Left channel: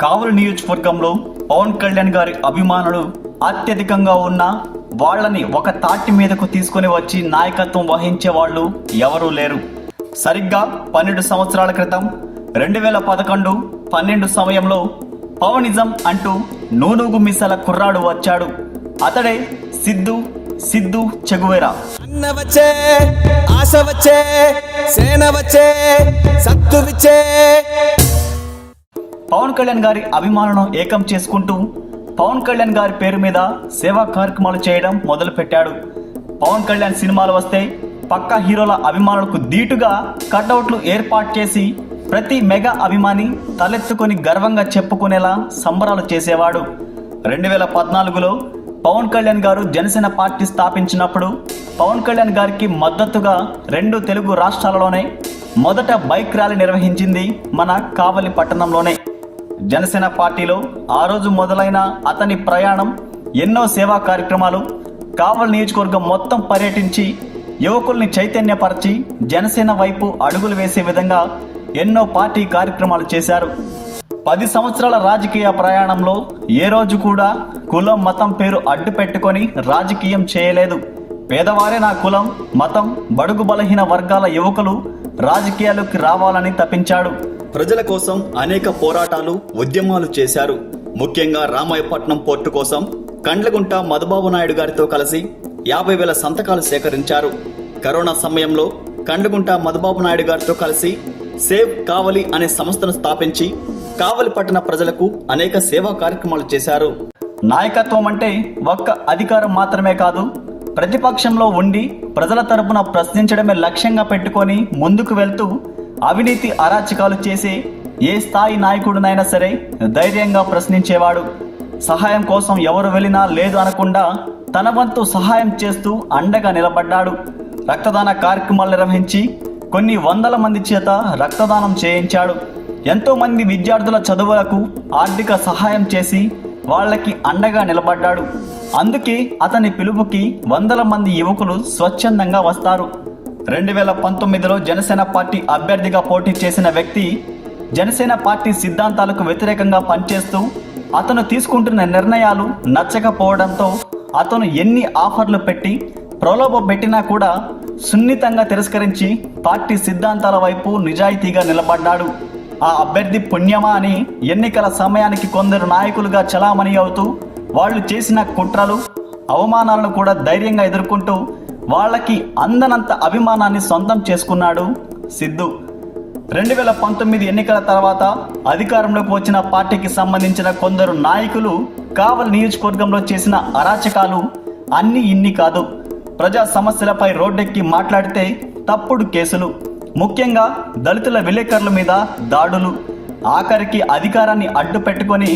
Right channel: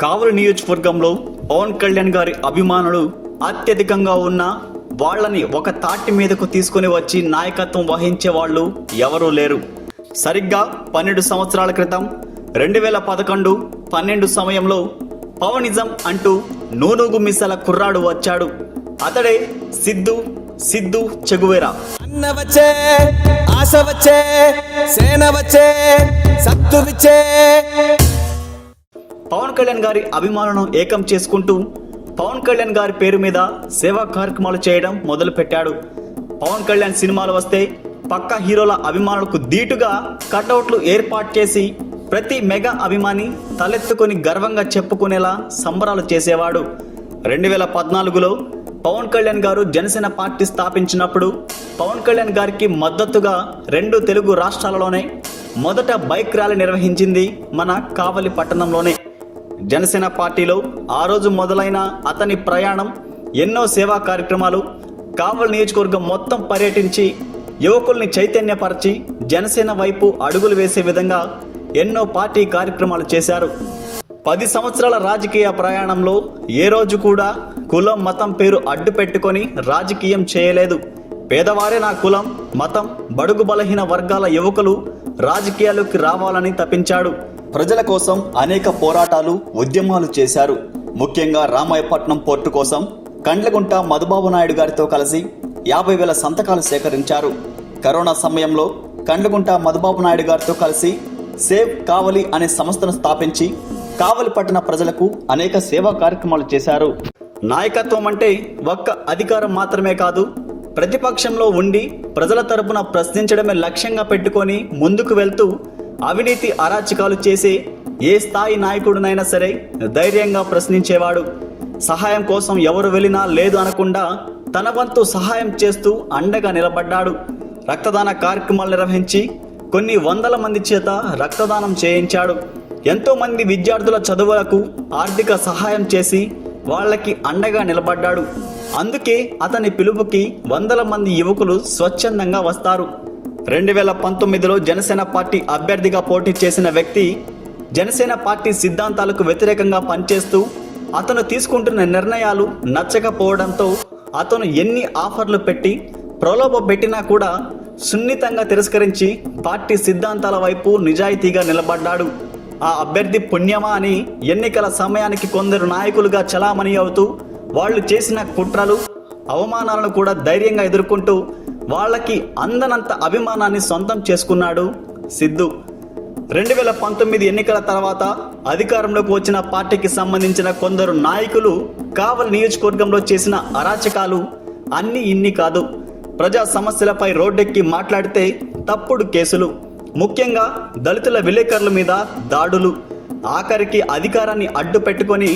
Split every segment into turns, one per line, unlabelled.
కావలి నియోజకవర్గంలో పవన్ కళ్యాణ్ గారి అభిమానులు అత్యధికంగా ఉన్న వాళ్ళని ఒక తాటి మీదకు తీసుకుని వచ్చి నాయకత్వం వహించే వాళ్ళు ఎవరూ లేరు. సరిగ్గా పన్నెండు సంవత్సరాల క్రితం రెండు వేల పదకొండు పన్నెండు సమయంలో పవనిజం అంటూ నూనూగు మిసల కుర్రాడు వచ్చాడు. అతడే సిద్ధు సిద్ధు చెగువేరా.
అన్న వచ్చే ఆశ వచ్చే సేన వచ్చే సత్తు విచ్చే
పవన్ కళ్యాణ్ గారి అభిమానులను ఏకం చేసుకుంటూ పవన్ కళ్యాణ్ గారి పేరు మీద సేవా కార్యక్రమాలు చేయడం మొదలుపెట్టాడు. పవన్ కళ్యాణ్ సినిమాలు వస్తే పక్క హీరోల అభిమానులకు ధీటుగా కటౌట్లు ఏర్పాటు చేసి ప్రతి మెగా అభిమాని తలెత్తుకొని గర్వంగా చెప్పుకునేలా సంబరాలు చేసేవాడు. రెండు వేల పద్నాలుగులో పవన్ కళ్యాణ్ గారు జనసేన పార్టీ స్థాపించినప్పుడు పవన్ కళ్యాణ్ గారికి మద్దతుగా రెండు తెలుగు రాష్ట్రాలలోనే మొదట బైక్ ర్యాలీ నిర్వహించింది మన కావలి పట్టణంలోనే. జనసేన పార్టీలో ఆ రోజు మొదలైన అతని ప్రయాణం ఎన్నో సేవా కార్యక్రమాలు కావల్ నియోజకవర్గం మొత్తం పర్యటించి యువకుల్ని చైతన్యపరిచి జనసేన వైపు అడుగులు వేసే విధంగా ఎన్నో పార్టీ కార్యక్రమాలు చేశారు. పది సంవత్సరాల రాజకీయ ప్రయాణంలో ఏ రోజు కూడా కులం మతం పేరు అడ్డు పెట్టుకొని రాజకీయం చేయలేదు. పేదవారే నా కులం మతం బడుగు బలహీన వర్గాల యువకులు రాజకీయాల్లోకి రావాలని తప్పించాడు. ప్రజల కోసం అనేక పోరాటాలు ఉద్యమాలు చేశారు. ముఖ్యంగా రామాయపట్నం పోర్టు కోసం కండ్లగుంట మధుబాబు నాయుడు గారితో కలిసి యాభై వేల సంతకాలు సేకరించారు. కరోనా సమయంలో కండ్లగుంట మధుబాబు నాయుడు గారితో కలిసి సేవ్ కావలి అనే సంస్థను స్థాపించి కావలి పట్టణ ప్రజలకు అనేక సేవా కార్యక్రమాలు చేశారు. నాయకత్వం అంటే ఒక్క అధికారం మాత్రమే కాదు ప్రతిపక్షంలో ఉండి ప్రజల తరపున ప్రశ్నించడమే లక్ష్యంగా పెట్టుకొని ముందుకు వెళ్తూ అవినీతి అరాచకాలు చేసే ఏ స్థాయి నాయకుడినైనా సరే ధైర్యంగా ప్రశ్నించేవాడు. సహాయం కోసం ఎవరు వెళ్ళినా లేదు అనకుండా తన వంతు సహాయం చేస్తూ అండగా నిలబడ్డాడు. రక్తదాన కార్యక్రమాలు నిర్వహించి కొన్ని వందల మంది చేత రక్తదానం చేయించాడు. ఎంతోమంది విద్యార్థుల చదువులకు ఆర్థిక సహాయం చేసి వాళ్ళకి అండగా నిలబడ్డాడు. అందుకే అతని పిలుపుకి వందల మంది యువకులు స్వచ్ఛందంగా వస్తారు. రెండు వేల పంతొమ్మిదిలో జనసేన పార్టీ అభ్యర్థిగా పోటీ చేసిన వ్యక్తి జనసేన పార్టీ సిద్ధాంతాలకు వ్యతిరేకంగా పనిచేస్తూ అతను తీసుకుంటున్న నిర్ణయాలు నచ్చకపోవడంతో అతను ఎన్ని ఆఫర్లు పెట్టి ప్రలోభ పెట్టినా కూడా సున్నితంగా తిరస్కరించి పార్టీ సిద్ధాంతాల వైపు నిజాయితీగా నిలబడ్డాడు. ఆ అభ్యర్థి పుణ్యమా అని ఎన్నికల సమయానికి కొందరు నాయకులుగా చలామణి అవుతూ వాళ్ళు చేసిన కుట్రలు అవమానాలను కూడా ధైర్యంగా ఎదుర్కొంటూ వాళ్ళకి అందనంత అభిమానాన్ని సొంతం చేసుకున్నాడు సిద్ధు. రెండు వేల పంతొమ్మిది ఎన్నికల తర్వాత అధికారంలోకి వచ్చిన పార్టీకి సంబంధించిన కొందరు నాయకులు కావలి నియోజకవర్గంలో చేసిన అరాచకాలు అన్ని ఇన్ని కాదు. ప్రజా సమస్యలపై రోడ్డెక్కి మాట్లాడితే తప్పుడు కేసులు. ముఖ్యంగా దళితుల విలేకరుల మీద దాడులు. ఆఖరికి అధికారాన్ని అడ్డు పెట్టుకొని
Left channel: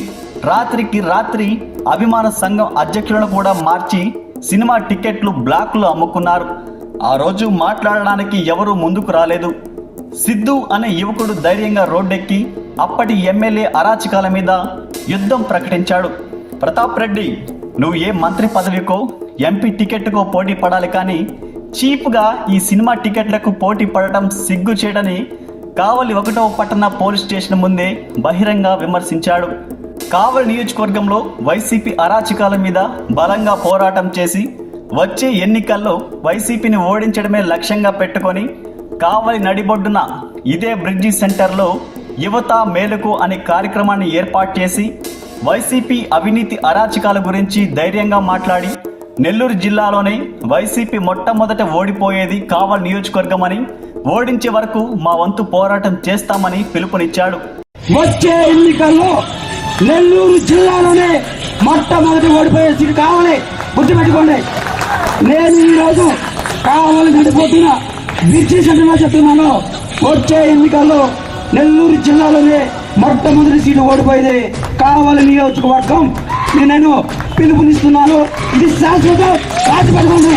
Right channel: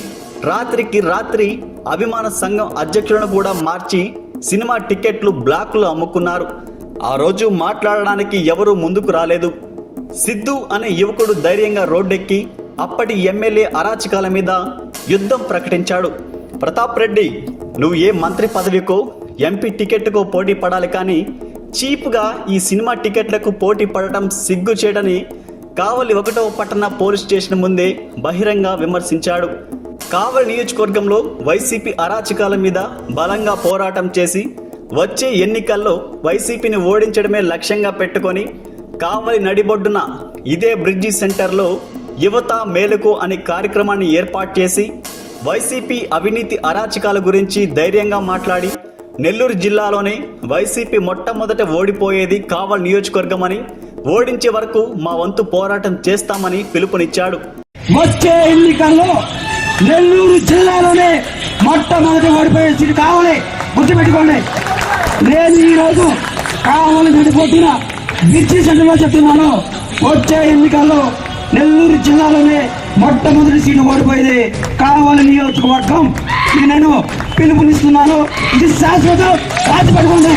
రాత్రికి రాత్రి అభిమాన సంఘం అధ్యక్షులను కూడా మార్చి సినిమా టికెట్లు బ్లాక్లో అమ్ముకున్నారు. ఆ రోజు మాట్లాడడానికి ఎవరూ ముందుకు రాలేదు. సిద్ధు అనే యువకుడు ధైర్యంగా రోడ్డెక్కి అప్పటి ఎమ్మెల్యే అరాచకాల మీద యుద్ధం ప్రకటించాడు. ప్రతాప్ రెడ్డి నువ్వు ఏ మంత్రి పదవికో ఎంపీ టికెట్కో పోటీ పడాలి కానీ చీప్గా ఈ సినిమా టికెట్లకు పోటీ పడటం సిగ్గు చేయడని కావలి ఒకటో పట్టణ పోలీస్ స్టేషన్ ముందే బహిరంగ విమర్శించాడు. కావలి నియోజకవర్గంలో వైసీపీ అరాచకాల మీద బలంగా పోరాటం చేసి వచ్చే ఎన్నికల్లో వైసీపీని ఓడించడమే లక్ష్యంగా పెట్టుకొని కావలి నడిబొడ్డున ఇదే బ్రిడ్జి సెంటర్లో యువత మేలుకు అనే కార్యక్రమాన్ని ఏర్పాటు చేసి వైసీపీ అవినీతి అరాచకాల గురించి ధైర్యంగా మాట్లాడి నెల్లూరు జిల్లాలోనే వైసీపీ మొట్టమొదట ఓడిపోయేది కావల్ నియోజకవర్గం అని ఓడించే వరకు మా వంతు పోరాటం చేస్తామని పిలుపునిచ్చాడు.
వచ్చే ఎన్నికల్లో నెల్లూరు జిల్లాలోనే మొట్టమొదటి ఓడిపోయే సీటు కావాలి. గుర్తుపెట్టుకోండి. నేను ఈరోజు కావాలని విడిపోతున్న బిర్చి సెంటర్లో చెప్తున్నాను. వచ్చే ఎన్నికల్లో నెల్లూరు జిల్లాలోనే మొట్టమొదటి సీటు ఓడిపోయేది. కావాలి నియోజకవర్గం నేను పిలుపునిస్తున్నాను. ఇది శాశ్వతం రాసిపెట్టుకోండి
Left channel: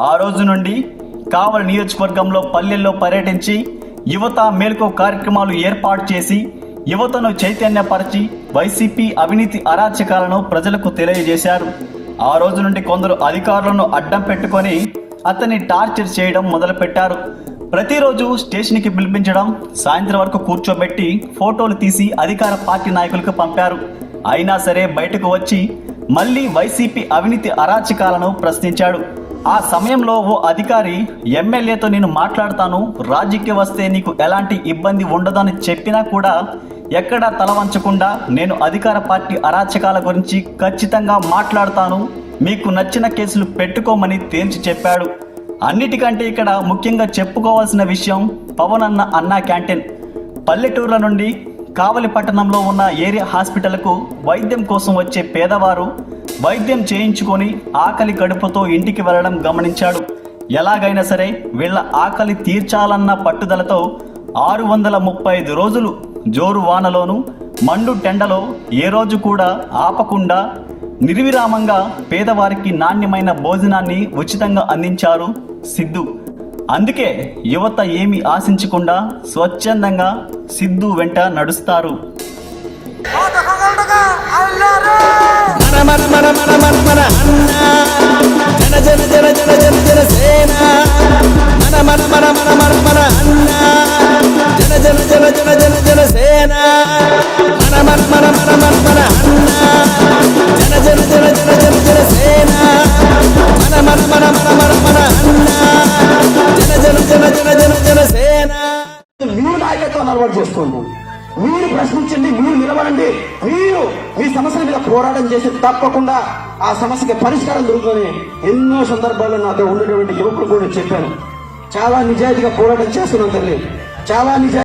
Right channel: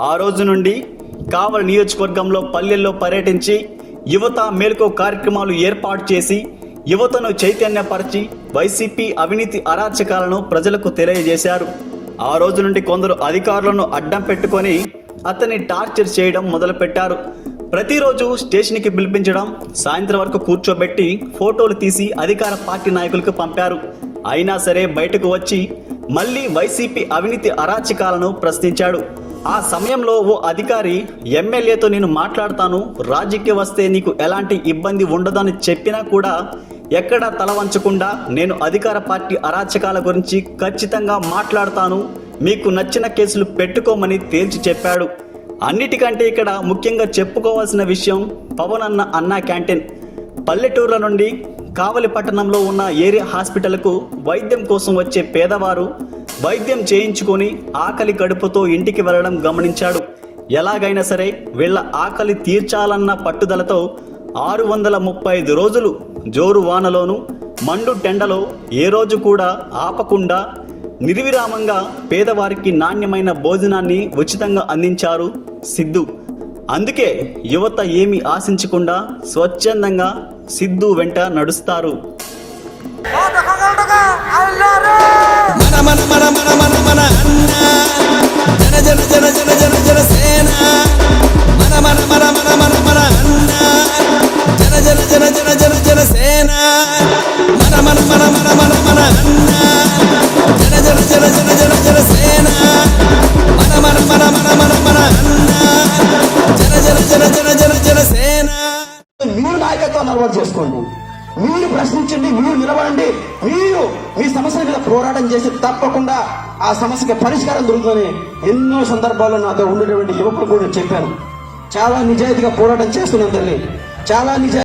ఆ రోజు నుండి కావలి నియోజకవర్గంలో పల్లెల్లో పర్యటించి యువత మేల్కో కార్యక్రమాలు ఏర్పాటు చేసి యువతను చైతన్యపరిచి వైసీపీ అవినీతి అరాచకాలను ప్రజలకు తెలియజేశారు. ఆ రోజు నుండి కొందరు అధికారులను అడ్డం పెట్టుకొని అతన్ని టార్చర్ చేయడం మొదలుపెట్టారు. ప్రతిరోజు స్టేషన్కి పిలిపించడం సాయంత్రం వరకు కూర్చోబెట్టి ఫోటోలు తీసి అధికార పార్టీ నాయకులకు పంపారు. అయినా సరే బయటకు వచ్చి మళ్ళీ వైసీపీ అవినీతి అరాచకాలను ప్రశ్నించాడు. ఆ సమయంలో ఓ అధికారి ఎమ్మెల్యేతో నేను మాట్లాడతాను. రాజకీయ వస్తే నీకు ఎలాంటి ఇబ్బంది ఉండదని చెప్పినా కూడా ఎక్కడా తల వంచకుండా నేను అధికార పార్టీ అరాచకాల గురించి ఖచ్చితంగా మాట్లాడతాను. మీకు నచ్చిన కేసులు పెట్టుకోమని తేల్చి చెప్పాడు. అన్నిటికంటే ఇక్కడ ముఖ్యంగా చెప్పుకోవాల్సిన విషయం పవన్ అన్న అన్నా క్యాంటీన్. పల్లెటూర్ల నుండి కావలి పట్టణంలో ఉన్న ఏరియా హాస్పిటల్కు వైద్యం కోసం వచ్చే పేదవారు వైద్యం చేయించుకొని ఆకలి కడుపుతో ఇంటికి వెళ్ళడం గమనించాడు. ఎలాగైనా సరే వీళ్ళ ఆకలి తీర్చాలన్న పట్టుదలతో ఆరు వందల ముప్పై ఐదు రోజులు జోరు వానలోను మండు టెండలో ఏ రోజు కూడా ఆపకుండా నిర్విరామంగా పేదవారికి నాణ్యమైన భోజనాన్ని ఉచితంగా అందించారు సిద్ధు అందుకే యువత ఏమి ఆశించకుండా స్వచ్ఛందంగా సిద్ధు వెంట నడుస్తారు
మన మన మన మన మన
మీరు మీ సమస్యల మీద పోరాటం చేసి తప్పకుండా ఆ సమస్యకి పరిష్కారం దొరుకుతుందని ఎన్నో సందర్భాల్లో నాతో ఉండేటువంటి యువకులు కూడా చెప్పాను చాలా నిజాయితీగా పోరాటం చేస్తున్నాం తల్లి. చాలా నిజాయితీ